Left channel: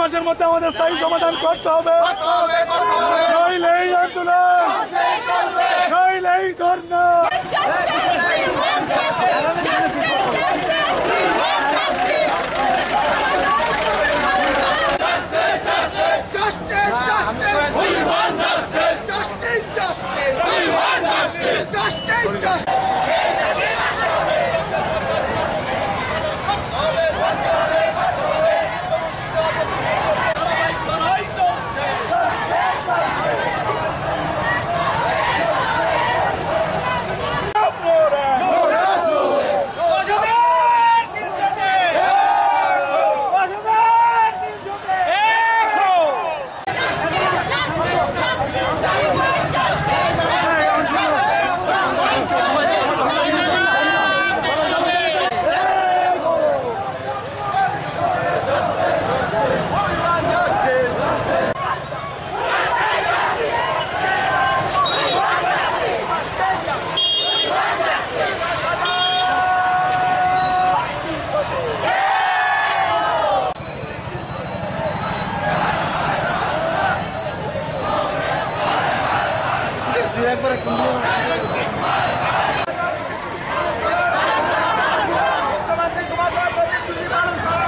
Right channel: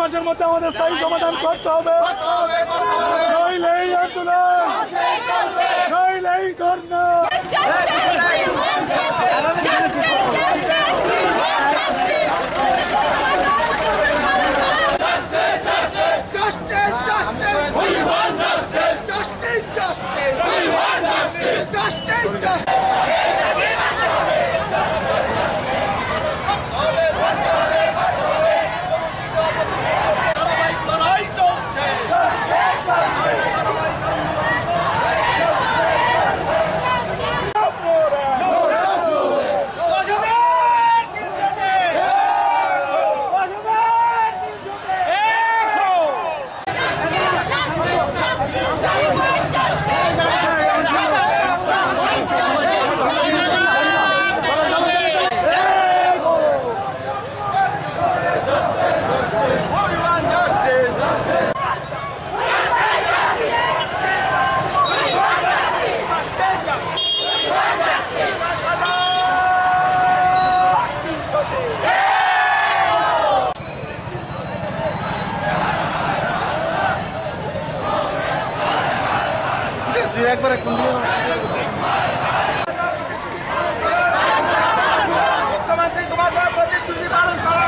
মাসের মধ্যে আমাদের স্থায়ী সমাধান করতে হবে, নইলেই আন্দোলন, নইলেই ধর্ণা। একবার মুখ্যমন্ত্রী তোমার প্রতিশ্রুতি পালন করো।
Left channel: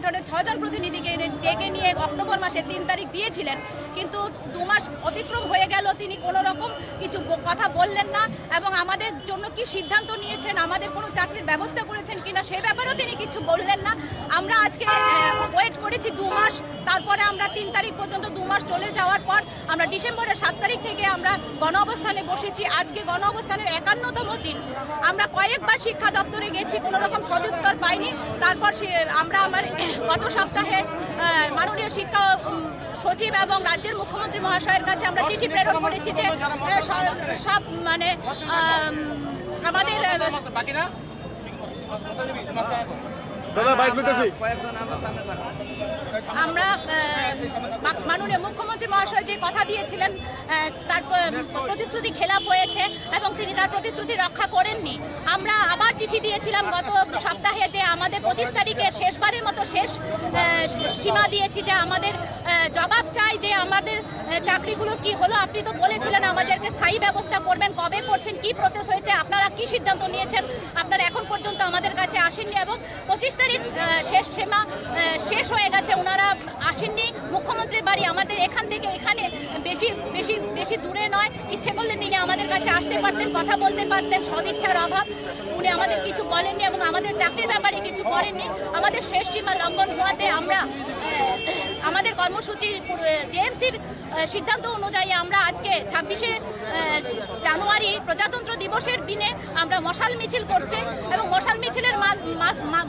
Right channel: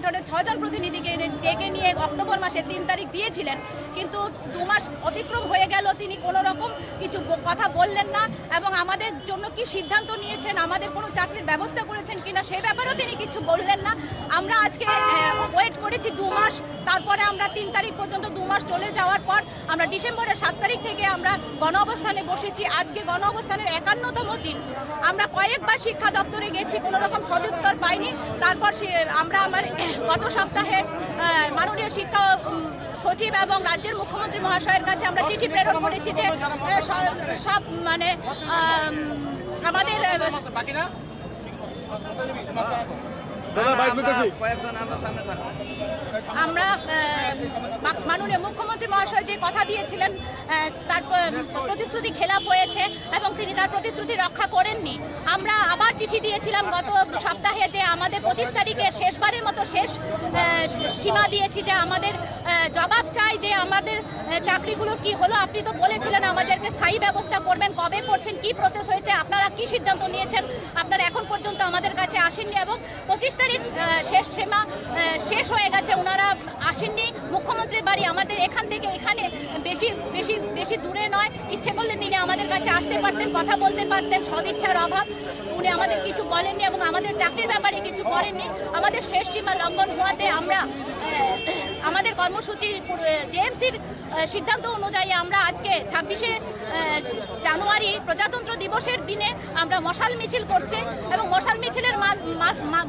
সংগঠনের 6 জন প্রতিনিধিকে ডেকে নিয়ে অক্টোবর মাসে 3 তারিখ দিয়েছিলেন, কিন্তু 2 মাস অতিক্রম হয়ে গেল, তিনি কোনো রকম কিছু কথা বললেন না এবং আমাদের জন্য কি সিদ্ধান্ত নিয়েছেন, আমাদের কোনো চাকরির ব্যবস্থা করেছেন কিনা সে ব্যাপারেও তিনি কিছু বললেন না। আমরা আজকে ওয়েট করেছি 2 মাস, তারপরে আমরা 3 তারিখ পর্যন্ত 2 মাস চলে যাওয়ার পর আমরা ডিসেম্বরের 7 তারিখ থেকে আমরা গণ অবস্থানে বসেছি। আজকে গণ অবস্থানের 51তম দিন। আমরা কয়েকবার শিক্ষা দপ্তরে গেছি, কোনো রকম সদুত্তর পাইনি। তারপর আমরা গত সপ্তাহে মাননীয় শিক্ষা সচিব এবং রাজ্যের মুখ্যমন্ত্রী মহাশয়ের কাছে আমরা চিঠি প্রেরণ করেছি যে সব মানে আমাদের আমরা মাননীয় মুখ্যমন্ত্রী মহাশয় যে কথা দিয়েছিলেন তার প্রতিশ্রুতি খেলাপ হয়েছে এবং তিনি তার প্রতিশ্রুতি রক্ষা করেননি। আমরা আবার চিঠি দিয়েছিলাম গত সপ্তাহে যে আমাদের 25 তারিখে শেষবারের মতো শেষ সীমা দিয়েছি যে আমাদের জবাব চাই যে আমাদের চাকরিগুলোর কি হলো। আপনি তো বলেছিলেন আমাদেরকে স্থায়ী ব্যবস্থা করবেন, কবে করছেন, কি প্রসেস হয়েছে, আপনারা কি সিদ্ধান্ত নিয়েছেন, আপনারা এখন পর্যন্ত আমাদের কাছে আসেননি এবং 25 তারিখ শেষ সীমা শেষ হয়ে গেছে, ওনারা আসেননি। মুখ্যমন্ত্রীর বাড়ি আমাদের এখান থেকে এখানে বেশি দূরে নয়, ইচ্ছে করলে তিনি আমাদের কাছে আসতে পারতেন, কথা বলতে পারতেন, সদিচ্ছার অভাব উনি আমাদের কিছু বলেননি এবং আমাদের চাকরির ব্যাপারে কিছু করেননি। আমাদের শেষ সীমা লঙ্ঘন হওয়াতে আমরা আমাদের কর্মসূচি জেএমসির সিদ্ধান্ত অনুযায়ী আমরা আজকে 26শে জানুয়ারি প্রজাতন্ত্র দিবসের দিনে আমরা মশাল মিছিল করছি এবং মশাল মিছিলের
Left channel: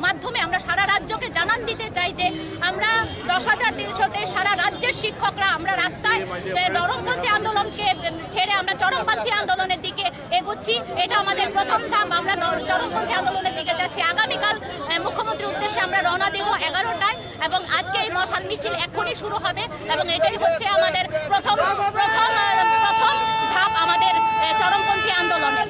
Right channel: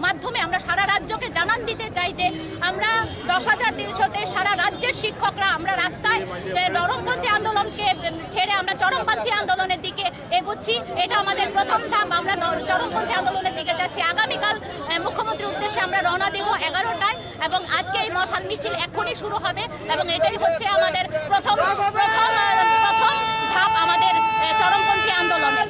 মাধ্যমে আমরা সারা রাজ্যকে জানান দিতে চাই যে আমরা 10,300-তে সারা রাজ্যের শিক্ষকরা আমরা রাস্তায় যে নরমপন্থী আন্দোলনকে ছেড়ে আমরা চরমপন্থী আন্দোলনের দিকে এগোচ্ছি। এটা আমাদের প্রথম ধাপ, আমরা চরমপন্থী আন্দোলনের দিকে যাচ্ছি। আগামীকাল মুখ্যমন্ত্রীর উদ্দেশ্যে আমরা রওনা দেব 11টায় এবং আজকে এই মশাল মিছিল এখনই শুরু হবে এবং এটাই হচ্ছে আমাদের প্রথম ধাপ আমাদের চরমপন্থী আন্দোলনের।